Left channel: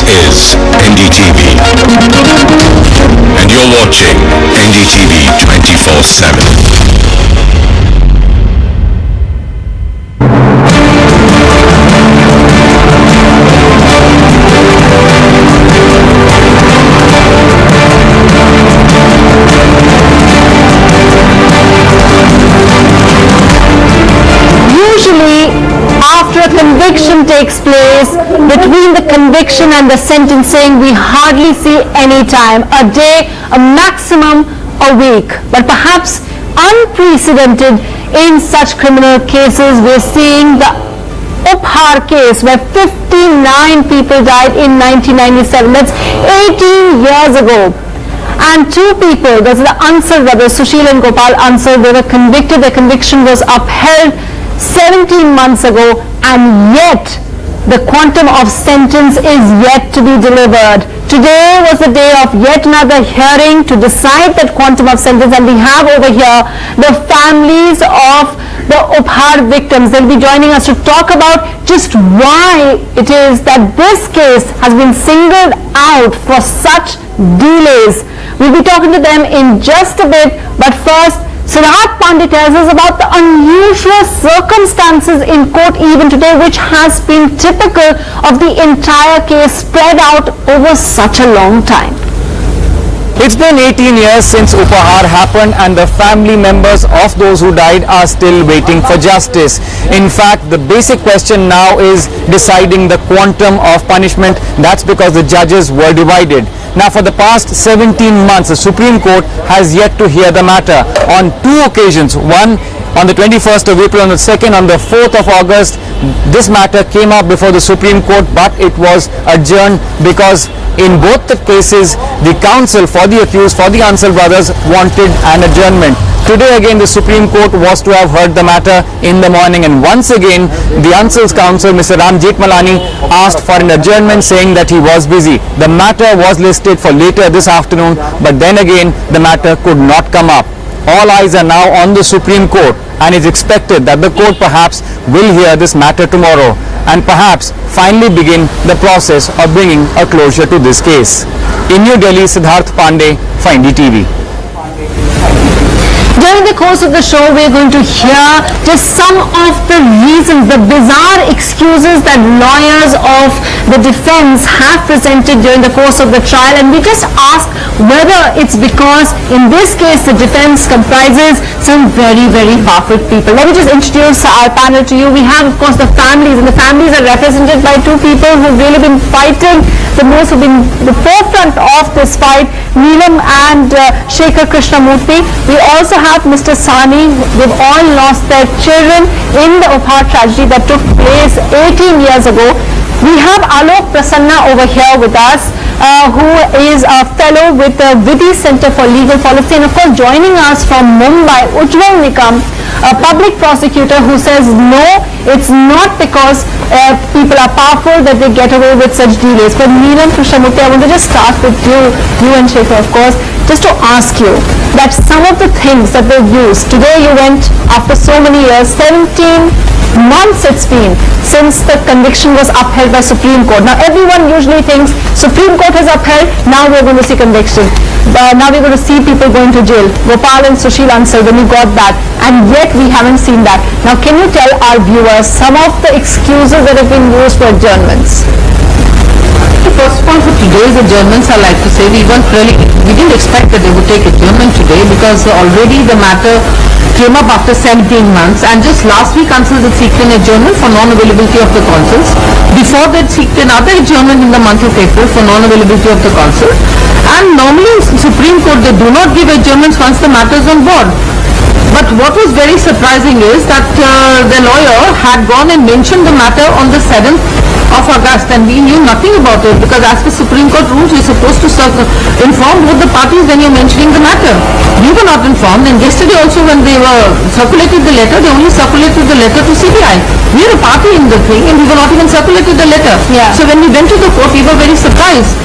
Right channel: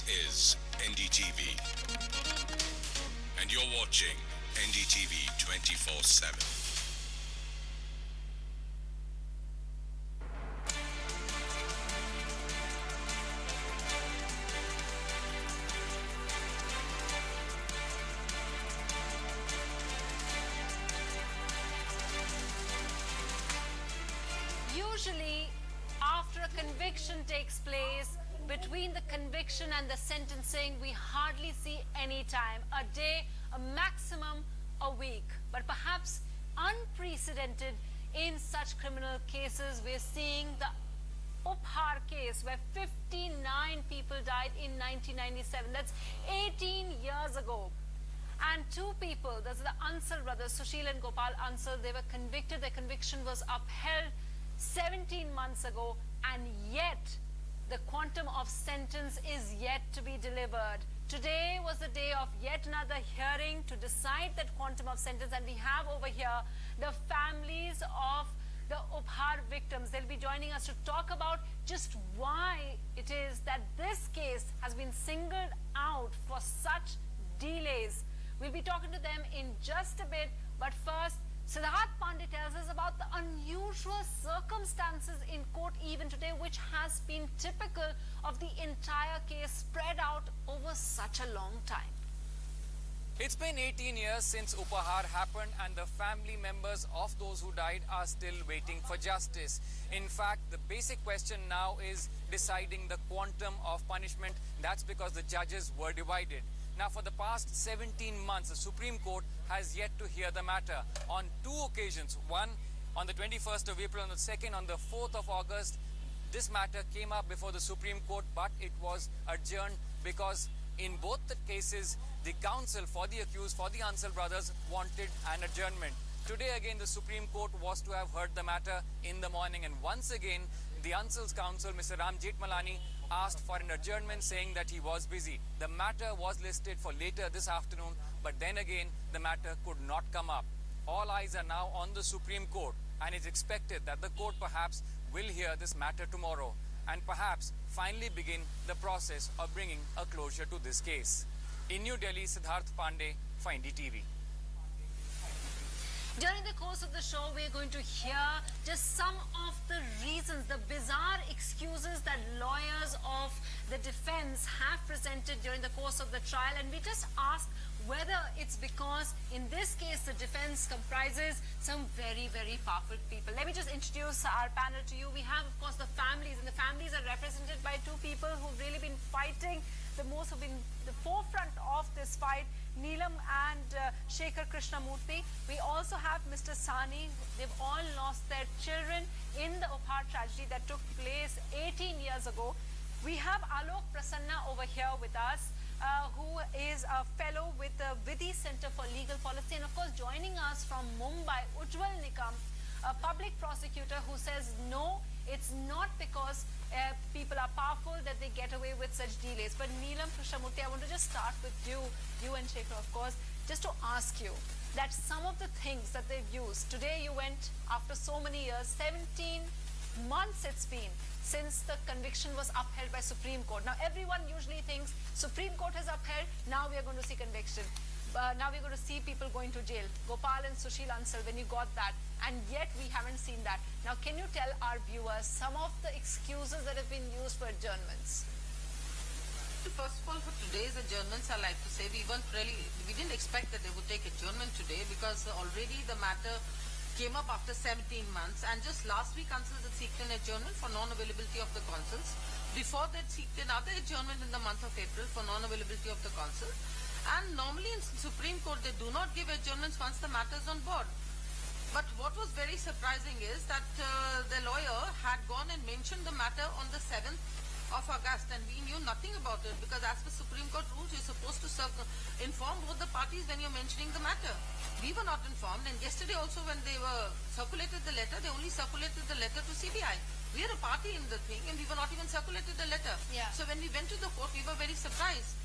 This is NDTV, and you're watching NDTV 24/7. After a conviction takes place, between the conviction and the sentencing, we hardly see any time, a day, a maximum a week. But perhaps unprecedented in such criminal cases, we're seeing the Upahar case where 59 people died in 1997. That's 18 years ago. And two people, those are the Ansar brothers, Sushil and Gopal Ansar, they were convicted. Their conviction was upheld 17 months ago, and yet the quantum of sentence is yet to be delivered. Today was the day of yet another hearing to decide that quantum of sentence, and we have over here the families of the Upahar victims. They'll be joining us to talk about just why it is that this case has been singled out for such delays. We'll be talking to them in just a bit, but first, Siddharth Pandey tells us about the unusual circumstances in court even today, which has been typical of the entire case spread out over such a long time. It's been 18 years since Upahar happened, and the family members of those who died are still waiting for justice. In fact, the basic question now is deciding the quantum of punishment. That's because the judges were divided. Now, for the past 17 months, the Supreme Court has yet to hear the matter. On two occasions, one on the 21st of April, on the 2nd, on the 4th of August, this matter came up before the Supreme Court, but it was adjourned because in both the cases, the counsel for the accused, for the Ansar brothers, wanted an adjournment. Today again, the Supreme Court was to have heard the matter in the morning, and once again, the Ansar's counsel, Mr. Ram Jethmalani, asked for an adjournment, saying that he was busy. The matter was listed for later this afternoon, but then again, the matter could not come up. All eyes are now on the Supreme Court, and it's expected that the court perhaps will hear this matter tomorrow and perhaps finally begin the process of bringing a closure to this case. In New Delhi, Siddharth Pandey for NDTV. During the course of the show, we're going to hear just some of the reasons, the bizarre excuses that lawyers of the defense have presented during the course of the trial, and we just ask whether it's because in this case the defense comprises some very, very powerful people. Let me just introduce our panel to you. We have, of course, the families, and the families are represented by two people who've really been fighting the most, who've been the forefront of this fight, Neelam and Shekhar Krishnamurthy. We also have Mr. Sani. They've all lost their children in the Upahar tragedy that took place 18 years ago. We have Alok Prasanna over here with us, who is a fellow with the Vidhi Center for Legal Policy, and of course joining us from Mumbai, Ujjwal Nikam, a public prosecutor who says no, it's not because people are powerful that they get away with such delays. But Neelam, Krishnamurthy, I want to just start with you and Shekhar, of course, just to ask you that some of the things that they've used. Today you went, after so many years, 17 months it's been since the conviction was upheld by Supreme Court. Now everyone usually thinks Supreme Court has upheld, now we're going to see conviction. Now we're going to see people going to jail. Gopal and Sushil Ansar, when we got that, and yet we haven't seen that. Now can you tell our viewers some of the excuses that have been used for adjournments? First of all, for today's adjournments, I like to say we didn't expect that they would take adjournment today, because already the matter came up after 17 months, and just last week counsels had seeked an adjournment for non-availability of the consuls. Before that, seeked another adjournment in the month of April for non-availability of the consul. And normally in Supreme Court they do not give adjournments once the matter is on board. But what was very surprising is that the lawyer had gone and mentioned the matter on the 7th of August, and we knew nothing about it, because as per Supreme Court rules, you're supposed to inform both the parties when you're mentioning the matter. We were not informed, and yesterday also when they were circulated the letter, they only circulated the letter to CBI. We are a party in the thing, and we were not even circulated the letter. Yeah. So when we went to the court, we were very surprised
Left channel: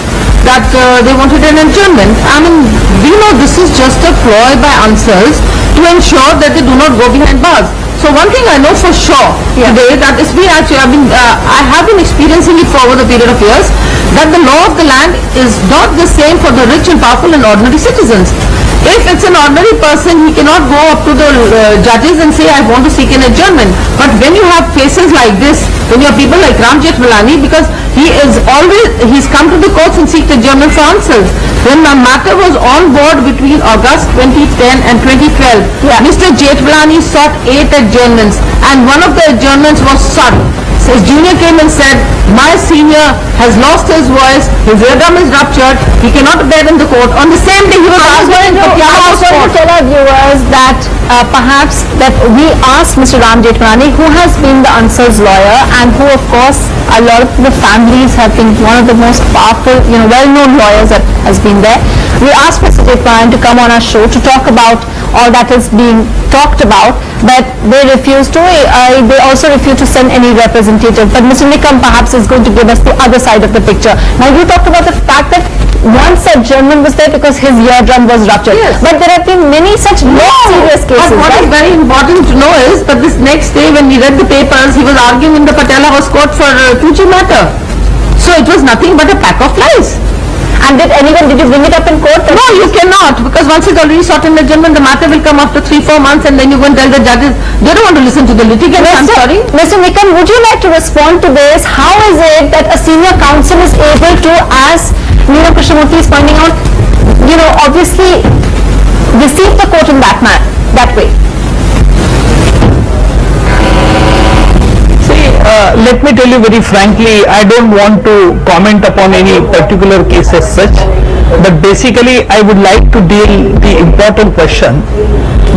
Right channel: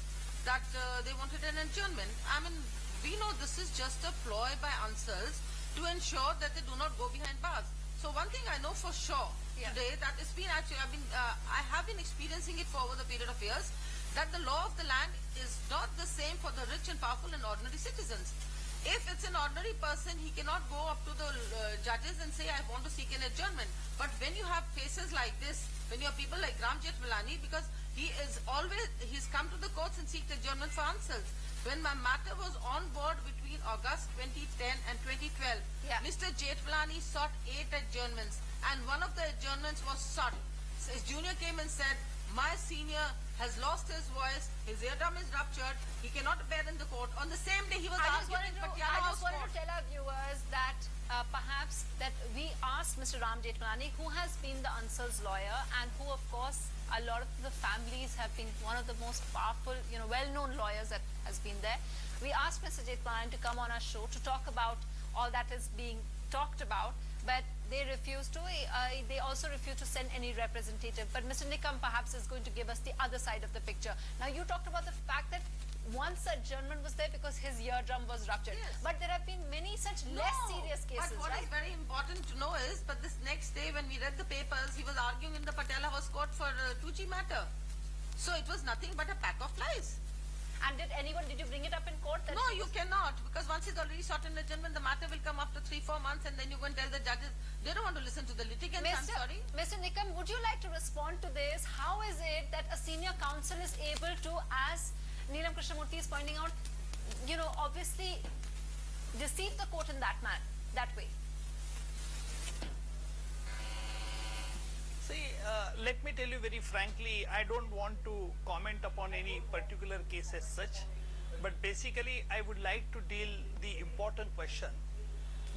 that they wanted an adjournment. I mean, we know this is just a ploy by Ansars to ensure that they do not go behind bars. So one thing I know for sure today, that is I have been experiencing it for over the period of years, that the law of the land is not the same for the rich and powerful and ordinary citizens. If it's an ordinary person, he cannot go up to the judges and say, I want to seek an adjournment. But when you have cases like this, when you have people like Ram Jethmalani, because he's come to the courts and seeked adjournment for answers. When the matter was on board between August 2010 and 2012, Mr. Jethmalani sought 8 adjournments, and one of the adjournments was sought. So his junior came and said, my senior has lost his voice, his eardrum is ruptured, he cannot appear in the court. On the same day he was arguing in Patiala I was going to tell our viewers that perhaps that we asked Mr. Ram Jethmalani, who has been the answers lawyer and who of course a lot of the families have been one of the most powerful, well-known lawyers that has been there. We asked Mr. Jethmalani to come on our show to talk about all that is being talked about, but they refused to. They also refused to send any representative. But Mr. Nikam perhaps is going to give us the other side of the picture. Now you talked about the fact that once a German was there because his eardrum was ruptured. Yes. But there have been many such serious cases. But what is very important to know is that this next day when we read the papers, he was arguing in the Patiala House Court for Fuji matter. So it was nothing but a pack of lies. And did you bring it up in court? No, you cannot, because once it's already sought in adjournment, the matter will come after 3-4 months, and then you go and tell the judges, they don't want to listen to the litigants. I'm sorry. Mr. Nikam, would you like to respond to this? How is it that a senior counsel is able to, as Neelam Krishnamurthy is pointing out, obviously deceive the court in that way? Let me tell you very frankly, I don't want to comment upon any particular case as such, but basically I would like to deal the important question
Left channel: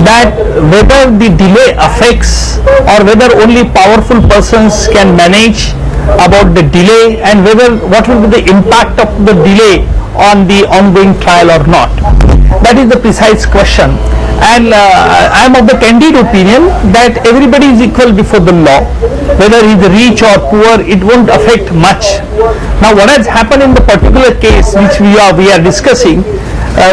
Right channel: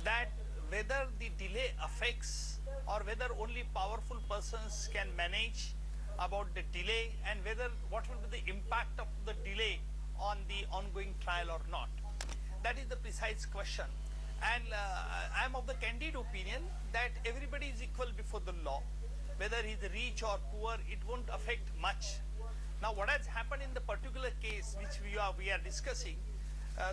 that whether the delay affects or whether only powerful persons can manage about the delay, and what will be the impact of the delay on the ongoing trial or not. That is the precise question. And I am of the candid opinion that everybody is equal before the law, whether he is rich or poor, it won't affect much. Now what has happened in the particular case which we are discussing,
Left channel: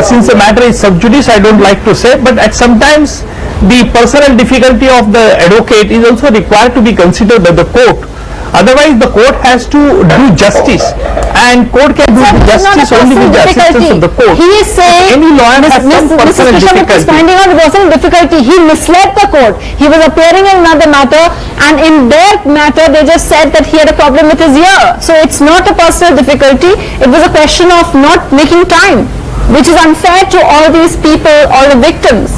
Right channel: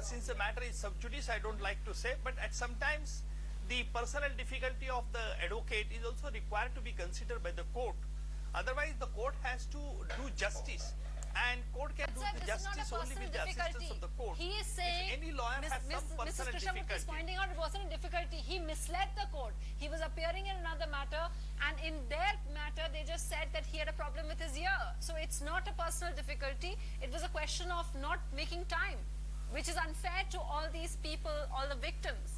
since the matter is sub judice, I don't like to say, but at sometimes the personal difficulty of the advocate is also required to be considered by the court. Otherwise the court has to do justice, and court can do justice only with the assistance of the court. He is saying, any lawyer has some personal difficulty. Finding out it wasn't a difficulty. He misled the court. He was appearing in another matter, and in their matter they just said that he had a problem with his ear. So it's not a personal difficulty. It was a question of not making time, which is unfair to all these people, all the victims.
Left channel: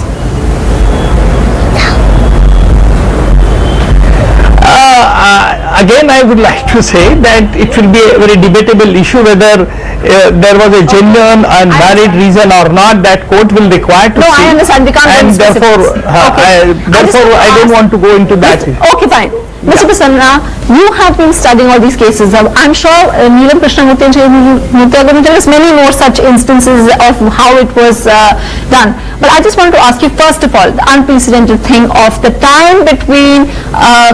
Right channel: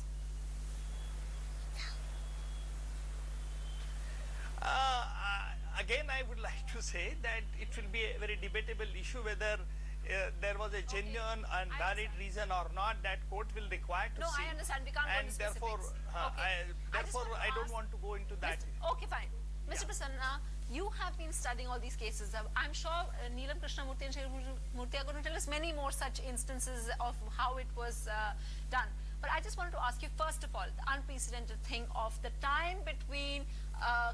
Again, I would like to say that it will be a very debatable issue whether there was a genuine and valid reason or not. That court will require to see. No, I understand. We can't go into specifics. Therefore, I don't want to go into that. Okay, fine. Mr. Prasanna, you have been studying all these cases. I'm sure Neelam Krishnamurthy and Shri are going to tell us many more such instances of how it was done. But I just wanted to ask you, first of all, the unprecedented thing of the time between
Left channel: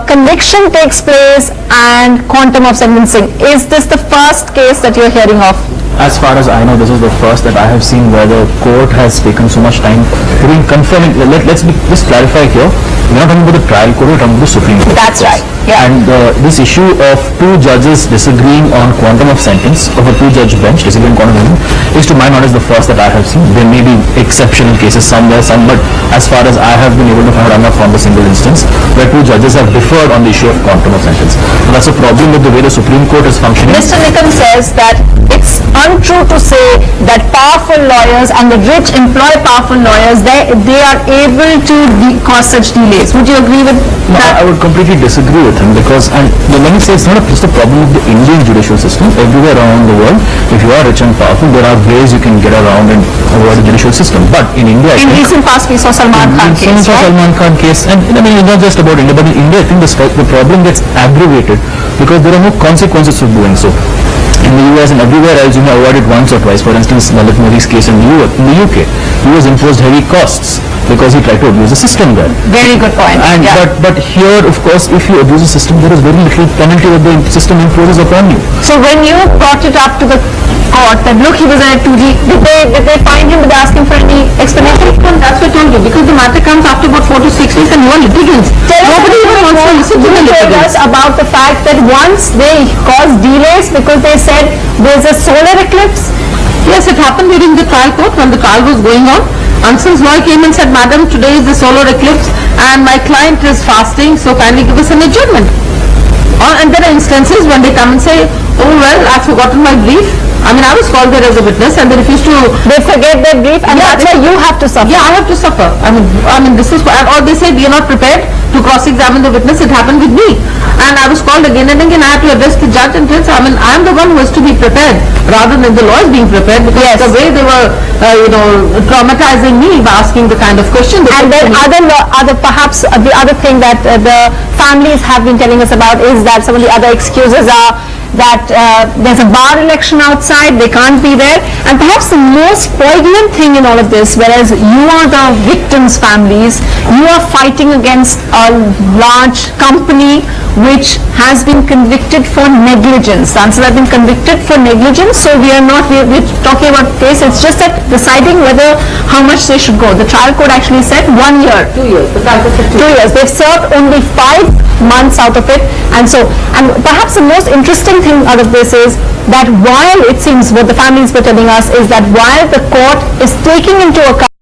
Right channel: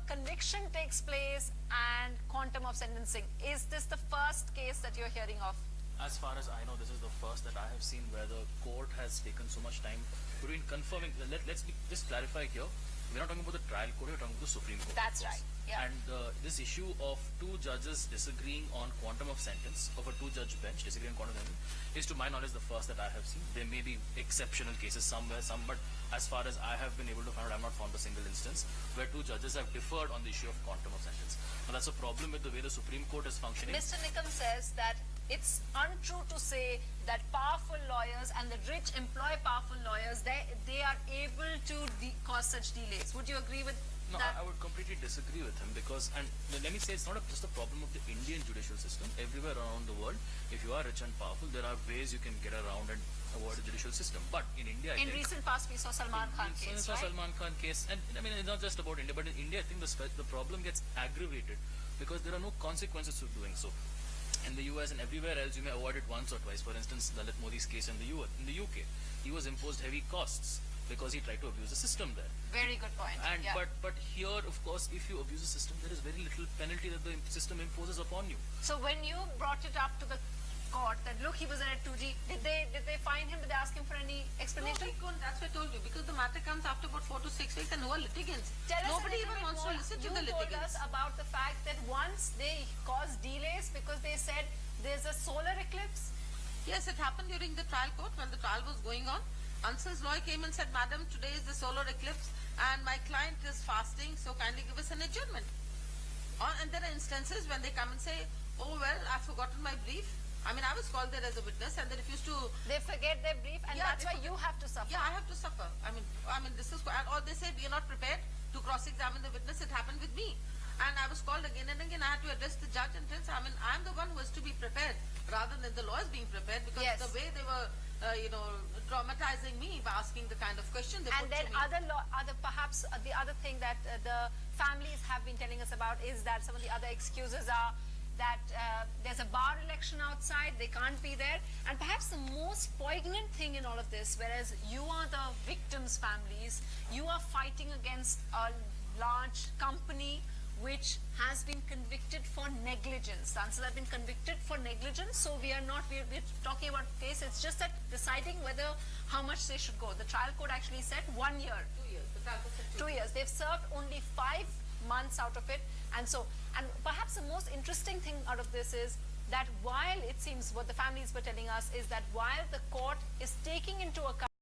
conviction takes place and quantum of sentencing. Is this the first case that you're hearing of? As far as I know, this is the first that I have seen where the court has taken so much time in confirming. Let's just clarify here. We're not talking about the trial court, we're talking about the Supreme Court. That's right. Yeah. And this issue of 2 judges disagreeing on quantum of sentence of a 2-judge bench disagreeing on quantum of sentence is, to my knowledge, the first that I have seen. There may be exceptional cases somewhere, but as far as I have been able to find out, I'm not found a single instance where 2 judges have differed on the issue of quantum of sentence. So that's a problem with the way the Supreme Court is functioning. Mr. Nikam says that it's untrue to say that powerful lawyers and the rich employ powerful lawyers. They are able to cause such delays. Would you agree with that? I would completely disagree with him, because, and let me say, it's not just a problem with the Indian judicial system. Everywhere around the world, if you are rich and powerful, there are ways you can get around and avoid the judicial system. But in India, in recent past we saw Salman Khan case, right? Salman Khan case, and I mean, it's not just about India, but in India, I think the problem gets aggravated because there are no consequences of doing so. In the US and everywhere else, you may avoid it once or twice. For instance, Lalit Modi's case in the UK, he was imposed heavy costs because he tried to abuse the system there. Very good point. And but here, of course, if you abuse the system, there is very little penalty that the system imposes upon you. So when you brought it up to the court that look, he was at 2G. Did they find him without asking for any explanation? That's what I told you, because the matter comes after about 4 to 6 weeks and you are litigants. Nobody even wants to listen to the You told litigants. us about the fact that once they caused delays because they said there's a solar eclipse. Yes, it happened during the trial court when the trial was going on. Anson's lawyer came and said, Madam, today is the solar eclipse and my client is fasting, so kindly give us an adjournment. And there are instances when they come and say, oh well, I've forgotten my brief. I mean, I was called there as a witness and they refused to... They forget their brief and that's why you have to suffer. Yeah, I have to suffer. I mean, this is... Or they say, we are not prepared to cross-examine the witness. It happened with me. And I was called again and again. I had to address the judge and tell, I mean, I am the one who has to be prepared rather than the lawyers being prepared, because the way they were, traumatizing me by asking the kind of question. And then perhaps the other thing that the families have been telling us about is that some of the other excuses are that there's a bar election outside, they can't be there. And perhaps the most poignant thing in all of this, whereas you are the victims' families, you are fighting against a large company which has been convicted for negligence. The answer has been convicted for negligence, so we're talking about case, it's just that deciding whether how much they should go. The trial court actually said 1 year. 2 years. The trial court said 2 2 years. They've served only 5 months out of it. And perhaps the most interesting thing out of this is that while it seems what the families were telling us is that while the court is taking into account